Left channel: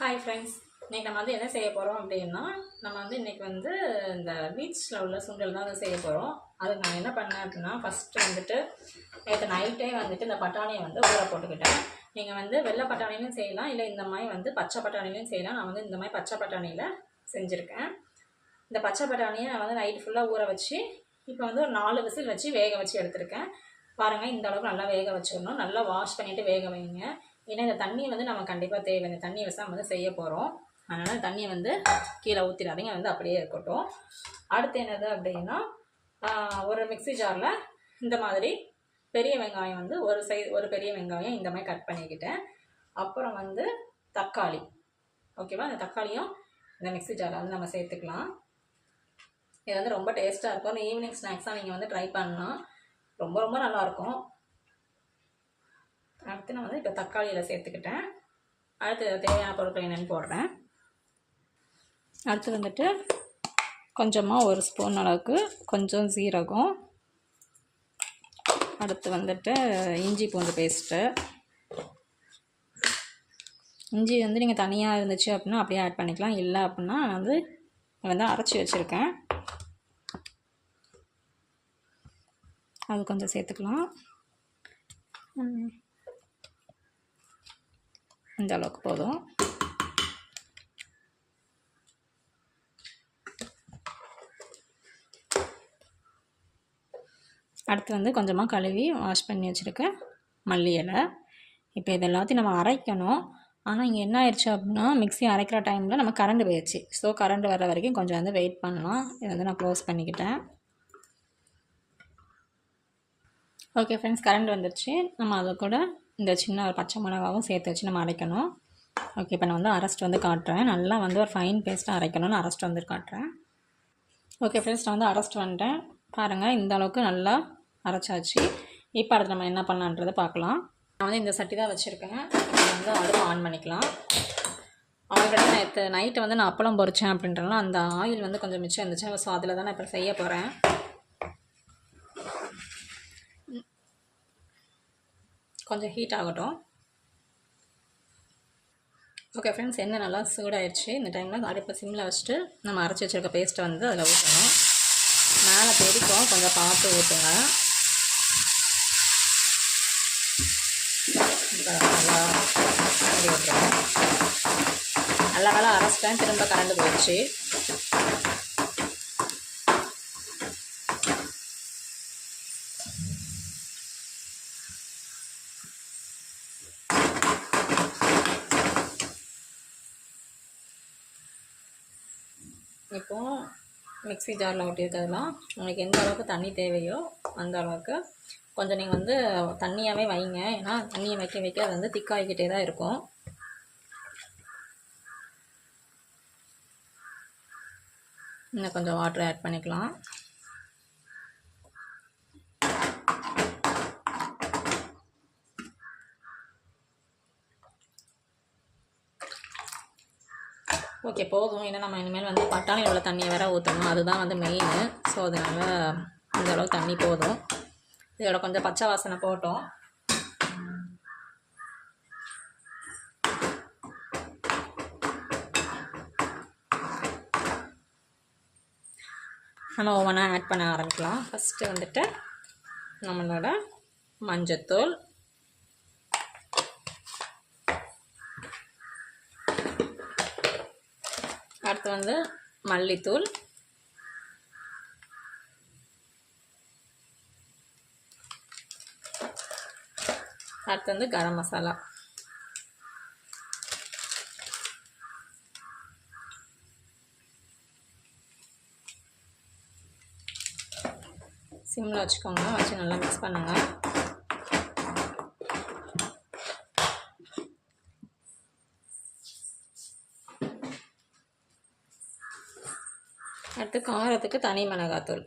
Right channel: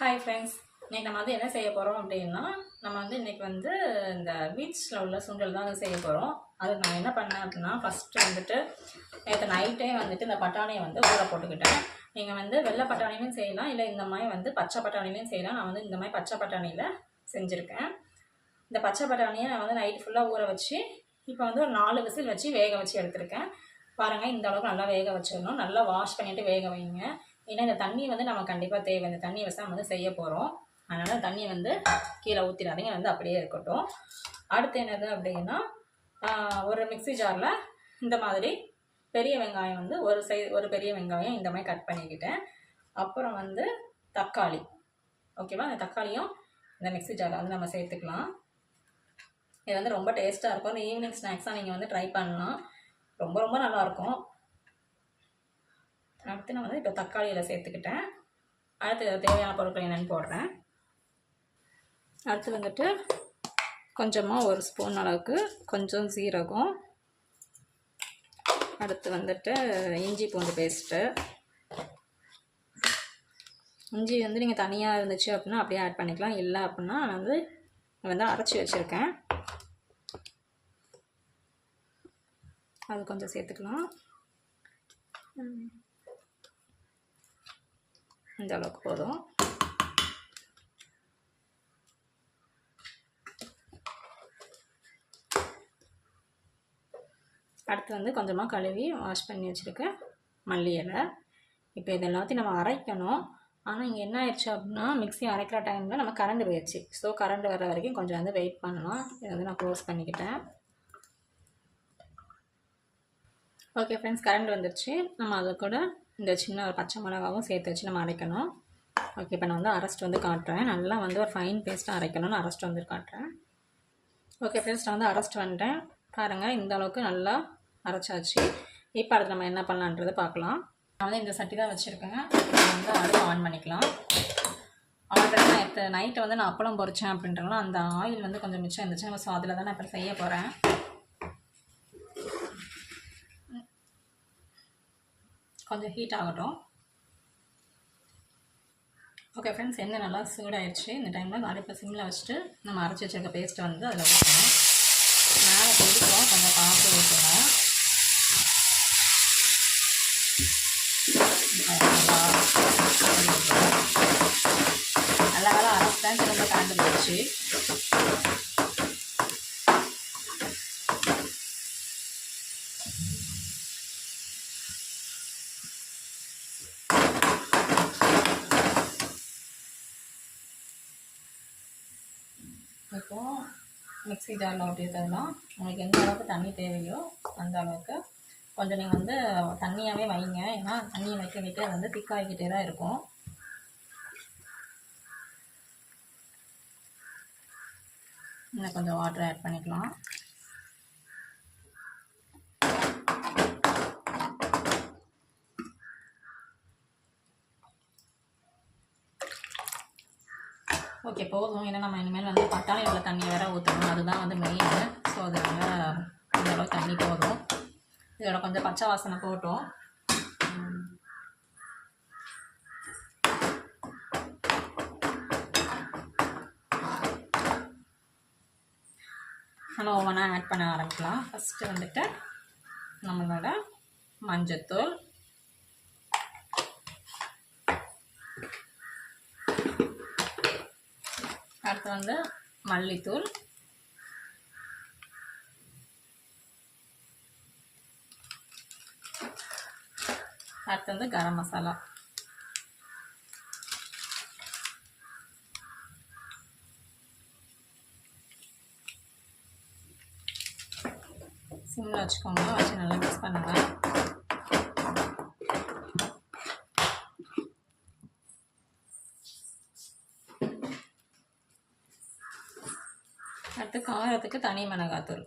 Hi friends, இன்றைக்கி நம்ம வந்து என்ன செய்ய போகிறோம் அப்படின்னா, நம்ம வந்து இன்றைக்கி வந்து இந்த பீச்சில் உள்ள சுண்டல் தான் செய்ய போகிறோம். அதுக்கு நான் என்ன பண்ணேன் அப்படின்னா, ஃபஸ்ட்டு வந்துட்டு நேற்று நைட்டே வந்துட்டு இந்த பட்டாணியை வந்து ஊற போட்டுக்கிட்டேன். நீங்கள் வந்து வெள்ளை பட்டாணிலையும் செய்யலாம், இல்லை இந்த மாதிரி வந்து பச்சை பட்டாணிலையும் செய்யலாம். நான் வந்து இந்த மாதிரி பச்சை பட்டாணியில் செஞ்சுருக்கேன். இந்த பச்சை பட்டாணியை நான் வந்து நைட்டு ஃபுல்லாக ஊற வச்சு இப்போ வந்து ஒரு 4 விசில் வச்சு வேக வச்சு எடுத்திருக்கேன். பாருங்கள், இந்த அளவுக்கு நல்லா வேக வச்சிடணும். நல்லா வாஷ் பண்ணிவிட்டு வேக வைங்க. ஏன்னா இந்த தண்ணி வந்து நம்ம கண்டிப்பாக தேவை. இந்த தண்ணி வச்சு நம்ம வந்து செய்ய போகிறோம். அதனால் தண்ணியை வந்து கீழே ஊற்றிடாதீங்க, வந்து அப்படியே இருக்கட்டும். அடுத்து என்னது அப்படின்னா, ஒரு மிக்ஸி ஜாரில் இந்த மாதிரி பெரிய வெங்காயம் வந்து ஒரு பெரிய வெங்காயம் இந்த மாதிரி கட் பண்ணிக்கிட்டேன். அப்புறம் வந்து தக்காளி, ஓகேவா? இந்த தக்காளியும் இந்த மிக்ஸி ஜாரில் வந்து நம்ம சேர்த்துக்கலாம். இது வந்து ரொம்ப டேஸ்ட்டாக இருக்கும். இந்த ஈவினிங் ஸ்நாக்ஸாக நீங்கள் வந்து ட்ரை பண்ணலாம். ரொம்ப ரொம்ப நல்லாயிருக்கும். அடுத்து நான் வந்து இப்போ தக்காளியில் சேர்த்துக்கிட்டேன். அடுத்து தேவையான பொருட்கள் என்னென்னு போடுறேன். அடுத்து வந்துட்டு கொஞ்சமாக 1 ஸ்பூன் அளவுக்கு கொஞ்சம் சீரகம். அடுத்து வந்துட்டு இஞ்சி பூண்டு பேஸ்ட்டு. இஞ்சி வந்து நீங்கள் தனியாக இருந்துச்சு அப்படின்னா அப்படியே ஆட் பண்ணிக்கலாம். இல்லை அப்படின்னா வந்து அரைச்சி வச்சுருக்கேன், அது கொஞ்சம் சேர்த்துக்கலாம். இந்த அளவுக்கு போதும். அடுத்து வந்து கொஞ்சமாக கழுவி வாஷ் பண்ணி வச்சுருக்க மல்லி இலை. இப்போ இது எல்லாத்தையும் நம்ம அரைக்கணும். ஆனால் இங்கே என்ன ஆயிடுச்சு அப்படின்னா, மிக்ஸி அரைக்கிற டைமில் நம்ம கரண்ட் போயிடுச்சு. ஸோ கரண்ட் வர வரைக்கும் கொஞ்சம் வந்து வெயிட் பண்ணலாம். இதை வந்து நான் க்ளோஸ் பண்ணிக்கிட்டேன். ஓகே ஃப்ரெண்ட்ஸ், கரண்ட் வந்துடுச்சு. நம்ம அதை கூட இந்த சின்ன ஒரு பச்சை மிளகாவும் சேர்த்து வச்சு நம்ம அரைக்கணும். ஓகே, இப்போ நான் வந்து அரைச்சிட்டு வந்து காட்டுறேன். நல்லா வந்து ஒரு ஃபைன் பேஸ்ட்டாக அரைக்கணும்னு அரைச்சிட்டு வந்து காட்டுறேன். ஓகே ஃப்ரெண்ட்ஸ், நான் வந்து அரைச்சிட்டு வந்துட்டேன். பாருங்கள், இந்த அளவுக்கு நல்லா அரைச்சாச்சு. இப்போ அடுத்து நம்ம என்ன பண்ணலான்றதை பார்க்கலாம். நான் வந்து இந்த சட்டி தான் வச்சுருக்கேன். இப்போ வந்து அடுப்பு ஆன் பண்ணிக்கலாம். ஆல்ரெடி நைட்டு வந்து நான் அப்பளம் பொரிச்சேன் அப்படின்றனால அந்த ஆயில் வந்து கொஞ்சம் மிச்சம் இருந்துச்சு. ஸோ அதில் தான் நான் இப்போ செய்ய போகிறேன். கொஞ்சம் ஹீட் ஆகட்டும். ஓகே ஃப்ரெண்ட்ஸ், எண்ணெய் நல்லா சூடாயிடுச்சு. இந்த டைமில் அடுப்பில் சிம்மில் வச்சுட்டு நம்ம அரைச்சி வச்சுருக்க பேஸ்ட்டை வந்து அதில் ஊற்றணும். மேலே கொதிக்கும், கொஞ்சம் பார்த்து ஊற்றுங்க. நல்லா நல்லா அரைச்சிட்டேன். திரும்ப கரண்டு போயிடுச்சு. இப்போது மிக்ஸி ஜாரில் ஊற்றிருக்கிறதுலாம் உங்களுக்கு எந்த அளவுக்கு தண்ணி தேவையோ அந்த அளவுக்கு கொஞ்சம் நீங்கள் வந்து தண்ணியாகவே வைங்க. ஏன்னா தண்ணியை வைக்க வைக்க அது வந்து திக்காகிக்கிட்டே தான் இருக்கும். இன்னும் கொஞ்சம் வாட்டர் ஆட் பண்ணிக்கலாம். ஓகே, போதும். ஏன்னா நம்ம இனிமேல் வந்து பட்டாணியில் உள்ள தண்ணியை வேறு ஊற்றணும். அதுதான் வந்து மெயின். ஸோ அதனால் இந்த அளவுக்கு தண்ணி போதும். இதோட கொஞ்சம் பச்சை வாசனை போட்டோம். நம்ம ஒவ்வொன்றா ஆட் பண்ண ஆரம்பிக்கலாம். ஃபஸ்ட்டு வந்துட்டு நம்மளோட மஞ்சத்தூள், அடுத்து வந்து மல்லித்தூள், அடுத்து வந்து கரம் மசாலா, சிம்மில் வச்சுக்கோங்க, வச்சு நல்லா மிக்ஸ் பண்ணுங்கள். அடுத்து காரத்துக்கு தனி மிளகாத்தூள்,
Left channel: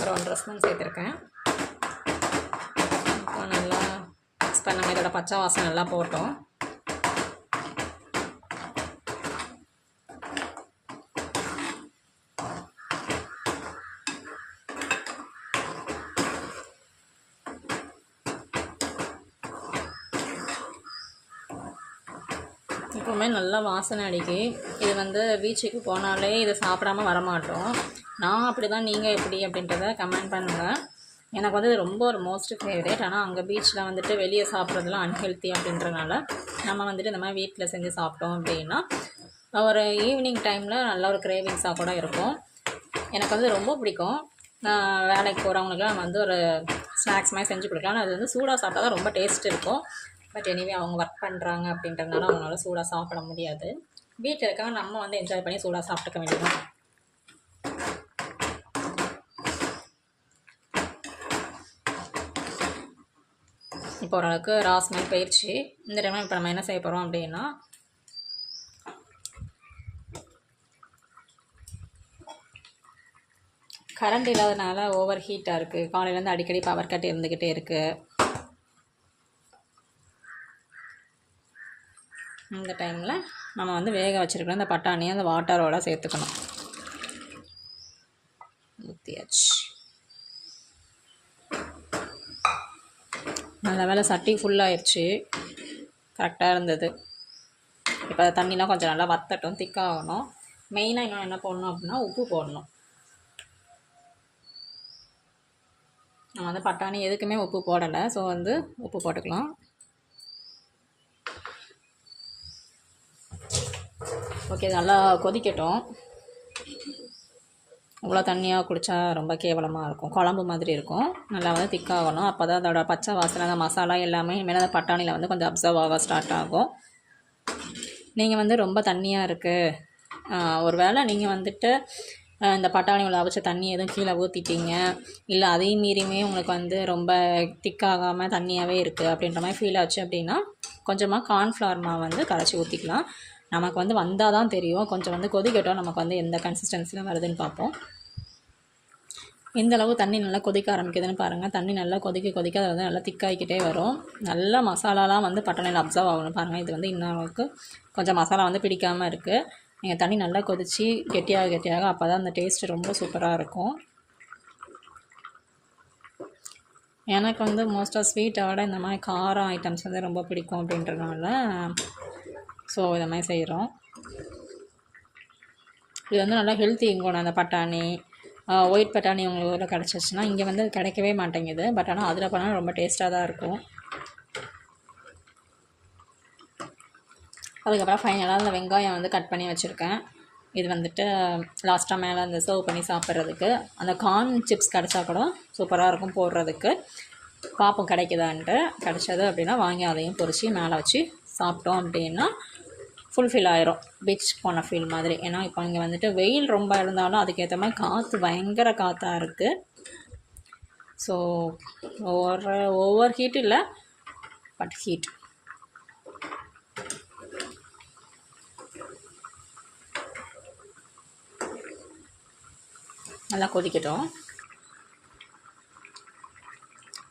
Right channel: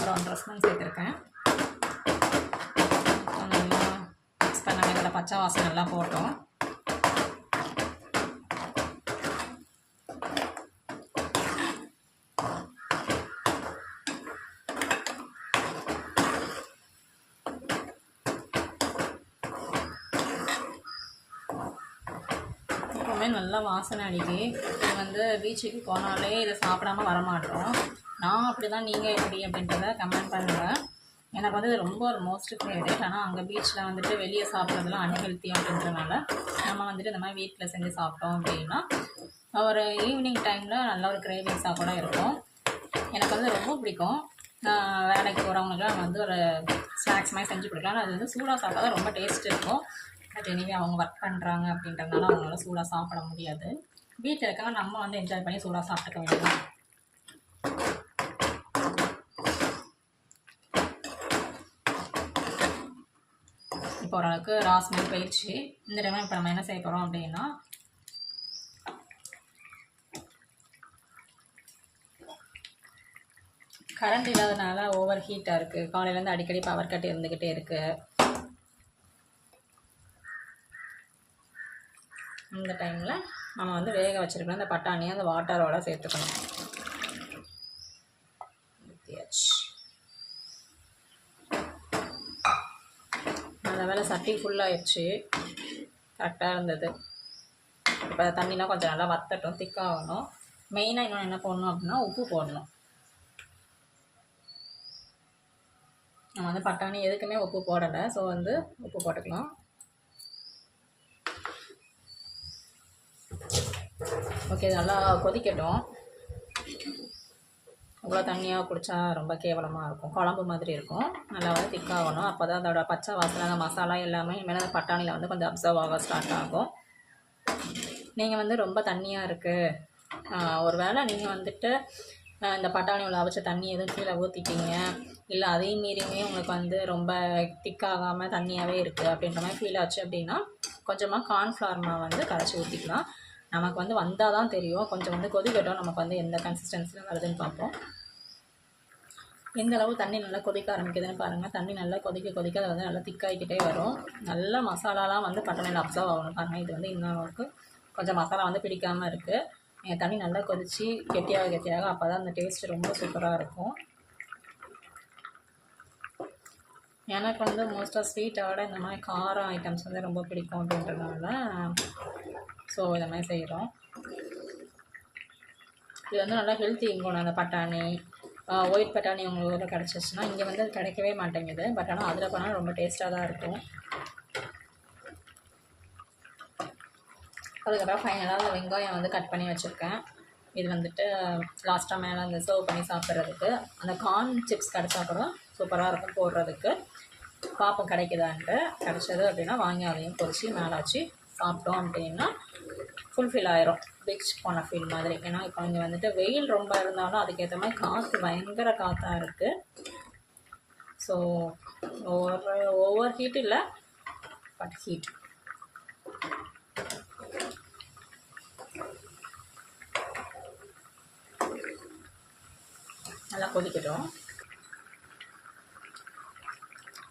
ஒரு 1.5 ஸ்பூன் சேர்த்துருக்கேன். நல்லா மிக்ஸ் பண்ணுங்கள். இதோட பச்சை வாசனை எல்லாம் போட்டோம். எப்போவுமே நல்லா வாசனை அடிக்கி. இது வந்து பீச்சுக்கு போனாலே இது சாப்பிடாம வரமாட்டோம். நான் அப்படி தான், நீங்கள் எப்படி அப்படின்றத கமெண்ட் பண்ணுங்கள். எனக்கு வந்து ரொம்ப ஒரு மோஸ்ட் ஃபேவரேட். ஆனால் அங்கே பீச்சில் வந்துட்டு வெளியே சாப்பிட்றதுலாம் அன்ஹெல்த்தி அப்படின்றனால நம்ம வந்துட்டு இந்த மாதிரி வீட்டில் செஞ்சு சாப்பிட்டோம் அப்படின்னா ஒரு ஈவினிங் டைமில் நல்ல ஒரு கிரேவிங்ஸாக கூட இருக்கும். எனக்கு வந்து ரொம்ப பிடிக்கும். வேலைக்கு போகிறவங்களுக்குலாம் நம்ம வந்து ஒரு ஸ்நாக்ஸ் மாதிரி செஞ்சு கொடுக்கலாம். ஆனால் அது வந்து சூடாக சாப்பிட்டா தான் ரொம்ப டேஸ்ட் இருக்கும். பட் எனிவே அவங்க ஒர்க் பண்ணுறாங்க அப்படின்றதுனால அவங்களால சூடாக சாப்பிட முடியாது. வீட்டில் இருக்காங்க, நம்ம வந்து என்ஜாய் பண்ணி சூடாக சாப்பிட்டுக்க வேண்டியது. இப்போ ஓரளவுக்கு ராஸ்மே போயிடுச்சு. இந்த டைம் இப்போ நம்ம என்ன செய்ய போகிறோம் அப்படின்னா கரண்ட் இல்லாதனால ஓவர் ஹீட்டாக இருக்குது. காலையிலேருந்து அடிக்கடி பவர் கட் இருந்துக்கிட்டே இருக்குது. இந்த டைமில் நம்ம வந்து வேக வச்சுருக்கணும் இந்த பட்டாணியை அந்த வாட்டரோட சேர்த்துக்கணும். ஊற்றியாச்சு. நல்ல வேலை சட்டி ஃபுல்லாகிடுச்சு, கரெக்டாக இருந்தது. இப்போ தண்ணிலாம் கொஞ்சம் நல்லா வத்தட்டும், திக்காகணும். மெயினாக இன்னும் என்ன போடணும் அப்படின்னா உப்பு போடணும். நம்ம வந்து பட்டாணி எதுக்குமே உப்பு போடலை, ஸோ வந்து உப்பு போட்டுக்கலாம். ஓகே, நல்லா கொதிக்கட்டும். இவ்வளோ தண்ணியாக குடித்தா ரொம்ப கேவலமாக இருக்கும், குழம்பு மாதிரி இருக்கும். நல்லா வந்து திக்காகணும். அப்போ தான் அதோட பச்சை வாசனை, அந்த மசாலா எல்லாமே இனிமேல் அந்த பட்டாணியில் வந்து கொஞ்சம் அப்சர்வ் ஆக ஸ்டார்ட் ஆகும். நீங்கள் வந்து ரொம்ப தண்ணியாக இருக்குது, ஒரு வேளை நீங்கள் வந்துட்டு இந்த பட்டாணி உள்ள அவிச்ச தண்ணி எதுவும் கீழே ஊற்றிட்டீங்க, இல்லை அதையும் மீறியுமே உங்களுக்கு வந்து ரொம்ப திக்காகாமல் தண்ணியாகவே இருக்குது அப்படின்ற மாதிரி ஃபீல் ஆச்சு அப்படின்னா கொஞ்சமாக கார்ன்ஃப்ளவர் மாவு வந்து கரைச்சி ஊற்றிக்கலாம். நமக்கு வந்து வந்தால் தான் தெரியும். கொஞ்சம் வந்து கொதிக்கட்டும், நமக்கு வந்து எந்த கன்சிஸ்டன்சியில் வருதுன்னு பார்ப்போம். எந்தளவு தண்ணி நல்லா கொதிக்க ஆரம்பிக்குதுன்னு பாருங்கள். தண்ணி நல்லா கொதிக்க அது வந்து நல்லா திக்காகிக்கிட்டே வரும். நல்லா மசாலாலாம் வந்து பட்டாணியில் அப்சர்வ் ஆகணும் பாருங்கள். இது வந்து இன்னும் கொஞ்சம் மசாலா வந்து பிடிக்காமல் இருக்குது. நீங்கள் தண்ணி நல்லா கொதித்து கெட்டியாக அப்போ தான் அந்த டேஸ்ட்டு ரொம்ப சூப்பராக இருக்கும். எனக்கு வந்து மோஸ்ட்டாக ஸ்வீட்டை விட இந்த மாதிரி காரம் ஐட்டம்ஸ் வந்து ரொம்ப பிடிக்கும் அப்படின்றதுனால ஸோ இதை மாதிரி செய்கிறோம். இது வந்து நல்லா ஹெல்த்தி இங்கோணும். அந்த பட்டாணி ஒயிட் பட்டாணி உங்களுக்கு ஊரில் கிடச்சிச்சின்னா இங்கே வந்து கிடைக்கவே மாட்டேங்குது. பட் ஆனால் அதில் பண்ணால் ரொம்ப டேஸ்ட்டாக தான் இருக்கும். அதுக்கப்புறம் ஃபைனலாக அந்த வெங்காயம் வந்து கட் பண்ணி வச்சுருக்கேன். இது வந்துட்டு லாஸ்ட்டாக மேலே அந்த சர்வ் பண்ணி சாப்பிட்றதுக்கு. அந்த கார்ன் சிப்ஸ் கிடச்சா கூட சூப்பராக இருக்கும் போடுறதுக்கு. பார்ப்போம் கிடைக்குதான்ட்டு. கிடச்சது அப்படின்னா வாங்கி அதையும் பொரித்து மேலே வச்சு சாப்பிட்டோம் அப்படின்னா ஃபுல்ஃபில் ஆயிரும், பீச் போன ஃபீல் மாதிரி. ஏன்னா இப்போ இங்கே வந்துட்டு வெயில் ரொம்ப இருந்தாலும் அதுக்கேற்ற மாதிரி காற்று பயங்கர காற்றாக இருக்குது. ஸோ ஓவர் ஹீட் இல்லை, பட் ஹீட். நல்லா கொதிக்கட்டும்.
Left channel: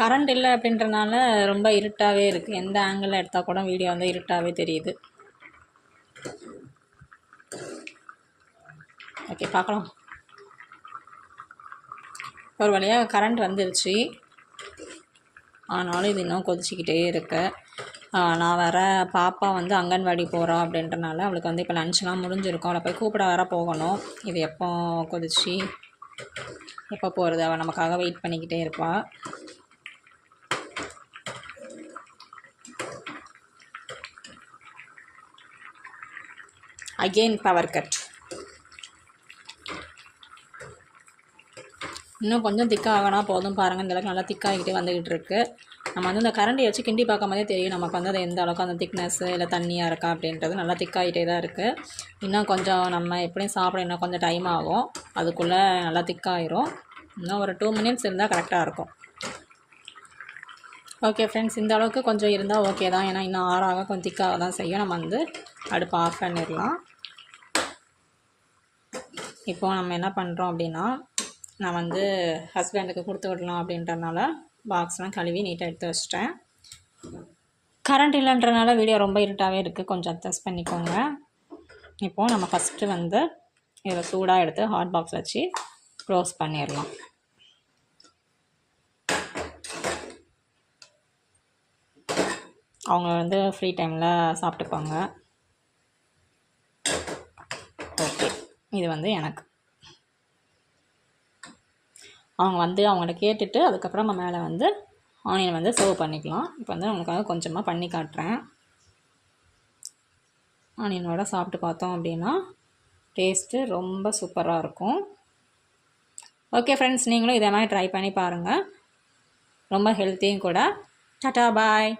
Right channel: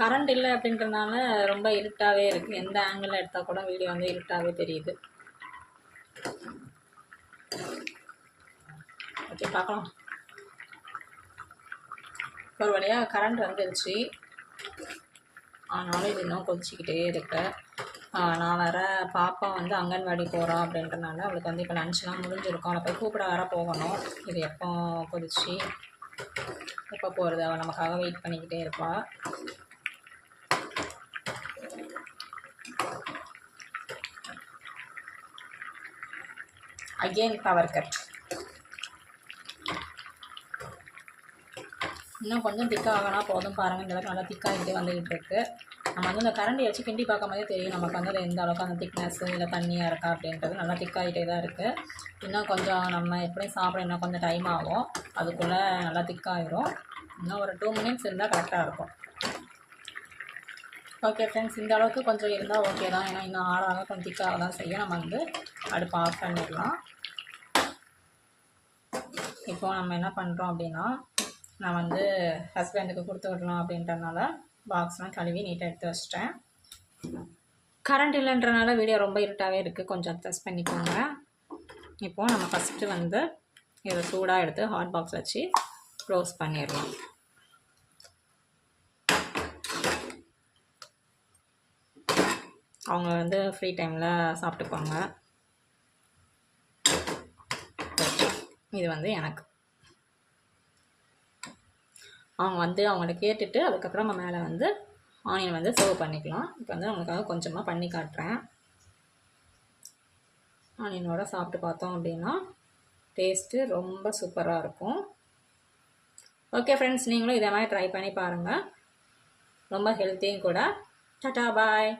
கரண்ட் இல்லை அப்படின்றனால ரொம்ப இருட்டாகவே இருக்குது. எந்த ஆங்கிளில் எடுத்தால் கூட வீடியோ வந்து இருட்டாகவே தெரியுது. ஓகே, பார்க்கலாம். ஒரு வழியாக கரண்ட் வந்துருச்சு, ஆனாலும் இது இன்னும் கொதிச்சிக்கிட்டே இருக்கு. நான் வேறு பாப்பா வந்து அங்கன்வாடி போகிறோம் அப்படின்றனால அவளுக்கு வந்து இப்போ லன்ச்லாம் முடிஞ்சிருக்கும். அவளை போய் கூப்பிட வேறு போகணும். இது எப்போ கொதிச்சு எப்போ போகிறது, அவள் நமக்காக வெயிட் பண்ணிக்கிட்டே இருப்பாள். Again power cut. இன்னும் கொஞ்சம் திக்காகனா போதும் பாருங்கள். இந்த அளவுக்கு நல்லா திக்காகிக்கிட்டே வந்துக்கிட்டு இருக்குது. நம்ம வந்து இந்த கரண்டியை வச்சு கிண்டி பார்க்கும்போதே தெரியும் நமக்கு வந்து அது எந்த அளவுக்கு அந்த திக்னஸ்ஸு இல்லை தண்ணியாக இருக்கா அப்படின்றது. நல்லா திக்காகிட்டே தான் இருக்குது. இன்னும் கொஞ்சம் நம்ம எப்படியும் சாப்பிட இன்னும் கொஞ்சம் டைம் ஆகும். அதுக்குள்ளே நல்லா திக்காயிரும். இன்னும் ஒரு 2 மினிட்ஸ் இருந்தால் கரெக்டாக இருக்கும். ஓகே ஃப்ரெண்ட்ஸ், இந்த அளவுக்கு கொஞ்சம் இருந்தால் ஓகே தான். ஏன்னா இன்னும் ஆறாக கொஞ்சம் திக்காக தான் செய்யும். நம்ம வந்து அடுப்பு ஆஃப் பண்ணிடலாம். இப்போது நம்ம என்ன பண்ணுறோம் அப்படின்னா, நான் வந்து ஹஸ்பண்டுக்கு கொடுத்து விடலாம் அப்படின்றனால பாக்ஸ்லாம் கழுவி நீட்டாக எடுத்து வச்சிட்டேன். கரண்ட் இல்லைன்றனால வீடியோ ரொம்ப இருட்டாகவே இருக்குது, கொஞ்சம் அட்ஜஸ்ட் பண்ணிக்கோங்க. இப்போது நம்ம ஃபஸ்ட்டு வந்து இதை சூடாக எடுத்து ஹாட் பாக்ஸ் வச்சு க்ளோஸ் பண்ணிடலாம். அவங்க வந்து ஃப்ரீ டைமில் சாப்பிட்டுப்பாங்க. இது வந்து எனக்கு. அவங்க வந்து அவங்கள்ட்ட கேட்டுட்டு அதுக்கப்புறம் நம்ம மேலே வந்து ஆனியன் வந்து சர்வ் பண்ணிக்கலாம். இப்போ வந்து அவங்களுக்காக கொஞ்சமாக பண்ணி காட்டுறேன். ஆனியன் வடை சாப்பிட்டு பார்த்தோம் அப்படின்னா டேஸ்ட்டு ரொம்ப சூப்பராக இருக்கும். ஓகே ஃப்ரெண்ட்ஸ், நீங்களும் இதே மாதிரி ட்ரை பண்ணி பாருங்கள். ரொம்ப ஹெல்த்தியும் கூட. டாடா பாய்.